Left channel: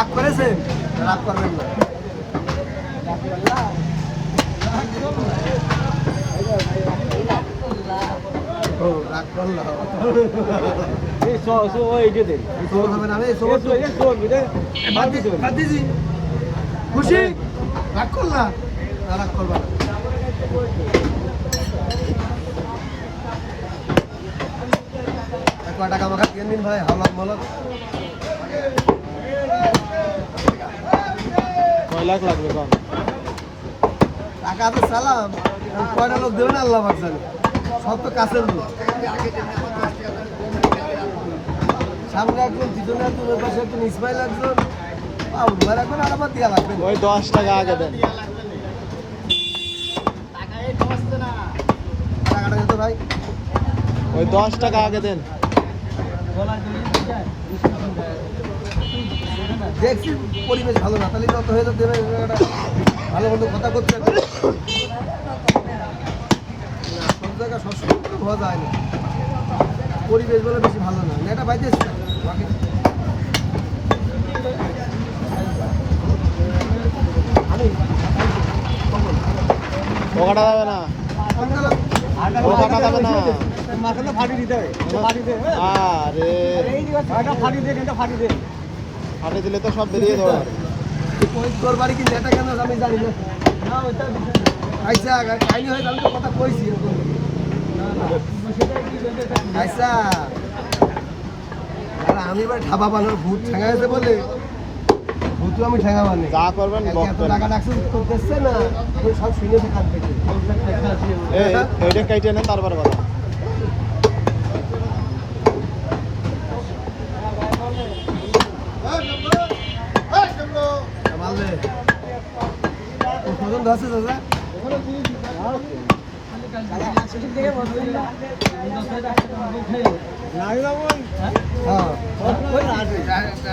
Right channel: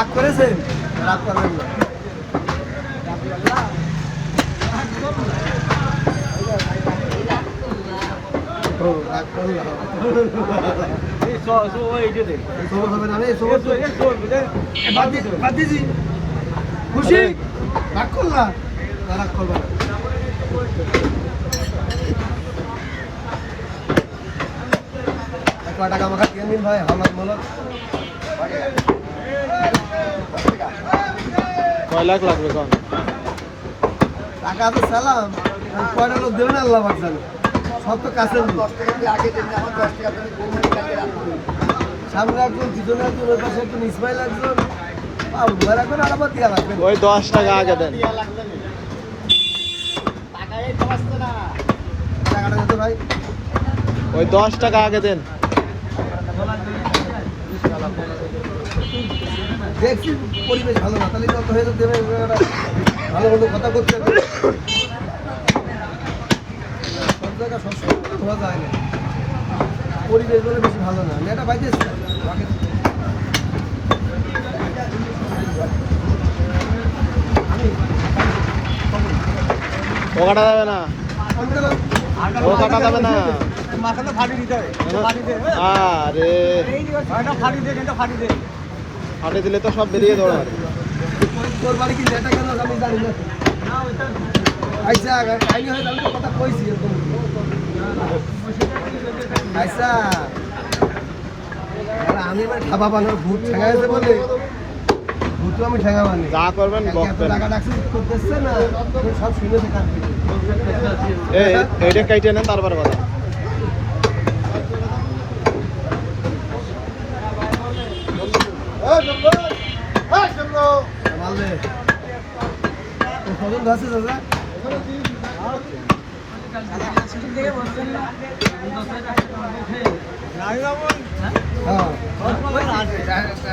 রাগ করেছেন? রাগ করবেন না। রাগ করলাম। খুশি? রাগ করলা? রাগ করবা না। টাকা মাখা কেন দিন ভাই, হাওলাত মলত কয় লাখ লাগবে কন? টাকা তো সালাম, কয়টা লোক দেবেন আল্লাহ পাক জানে। সব তো কাছের লোক। সামনে একজন, পিছনে একজন, ওই পাশে একজন, ইসমাইল একজন, উভয় রাখবেন আর আবার দিয়া লাগবেন। ওই 10 টাকা আগে দেন। টাকাটা যেত ভাই, ওই 10 টাকা আগে দেন। দেখছি পরিবেশ ভালো না, তাহলে যত হয়ে দেবে ভালো মতো কথা করতে হবে। সব জায়গা সবসময় ধরা যায় না, পরিবেশ বলে বেশি ভালো না। এটা পাইতেছি ও কাটা যাবে না, ও কাটা যাবে না। আরে ফাটে দিলে তো সব বেরিয়ে দৌড়ার। তোর বাড়ি কি নেটা কেন আমি জানি না। আচ্ছা কাহিনী হয়ে যাবে, কথা কইছি আচ্ছা। আমি এবার ঠাবা বানার ভূত ঠেঙাইছে বলে ভূতও আমি ঠেঙা মানি। যা করবেন টাকা ডাকছে করতেছে না, সব শুনে থাকার এইটা কাইটে নেন, তারপরে কথা। পছন্দ আছে দাদা?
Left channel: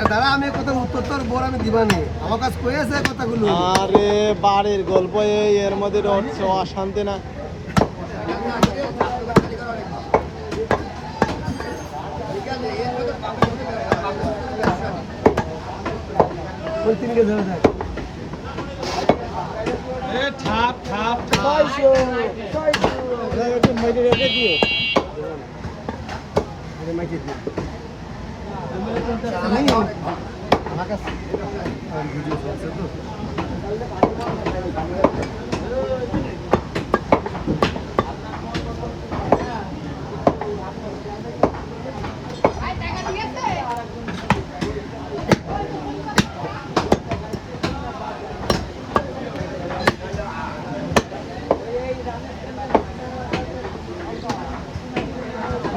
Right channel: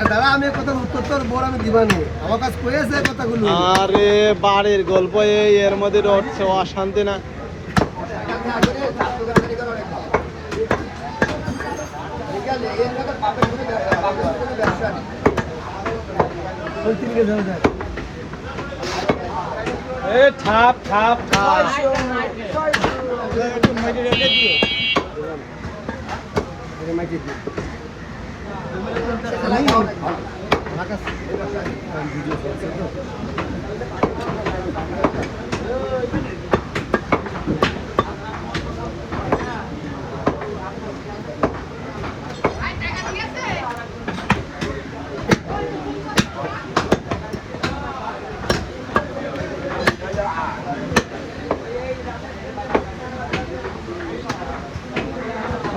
দাদা আমি কথার উত্তর তোর বড় আমি দিবানি, আমার কাছে কই আছে কথাগুলো। আরে বাড়ির গল্প এর মধ্যে রটছে অশান্তি না। ঠাপ ঠাপ ঠাপ আমার কাছে ভিডিও চলছে তো।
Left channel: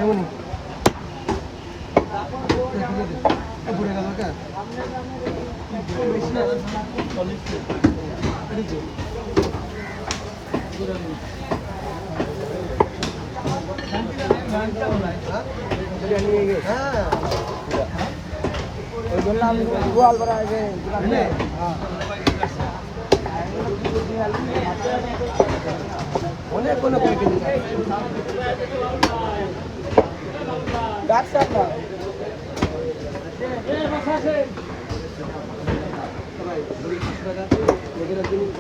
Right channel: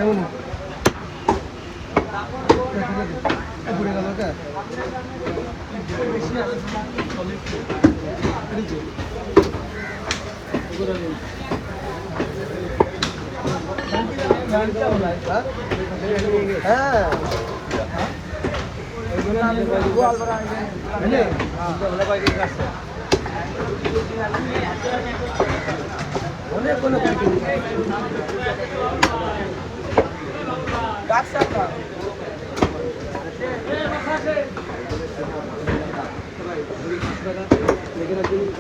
এমনি ঘুরে গেল কে? অনেক কোনো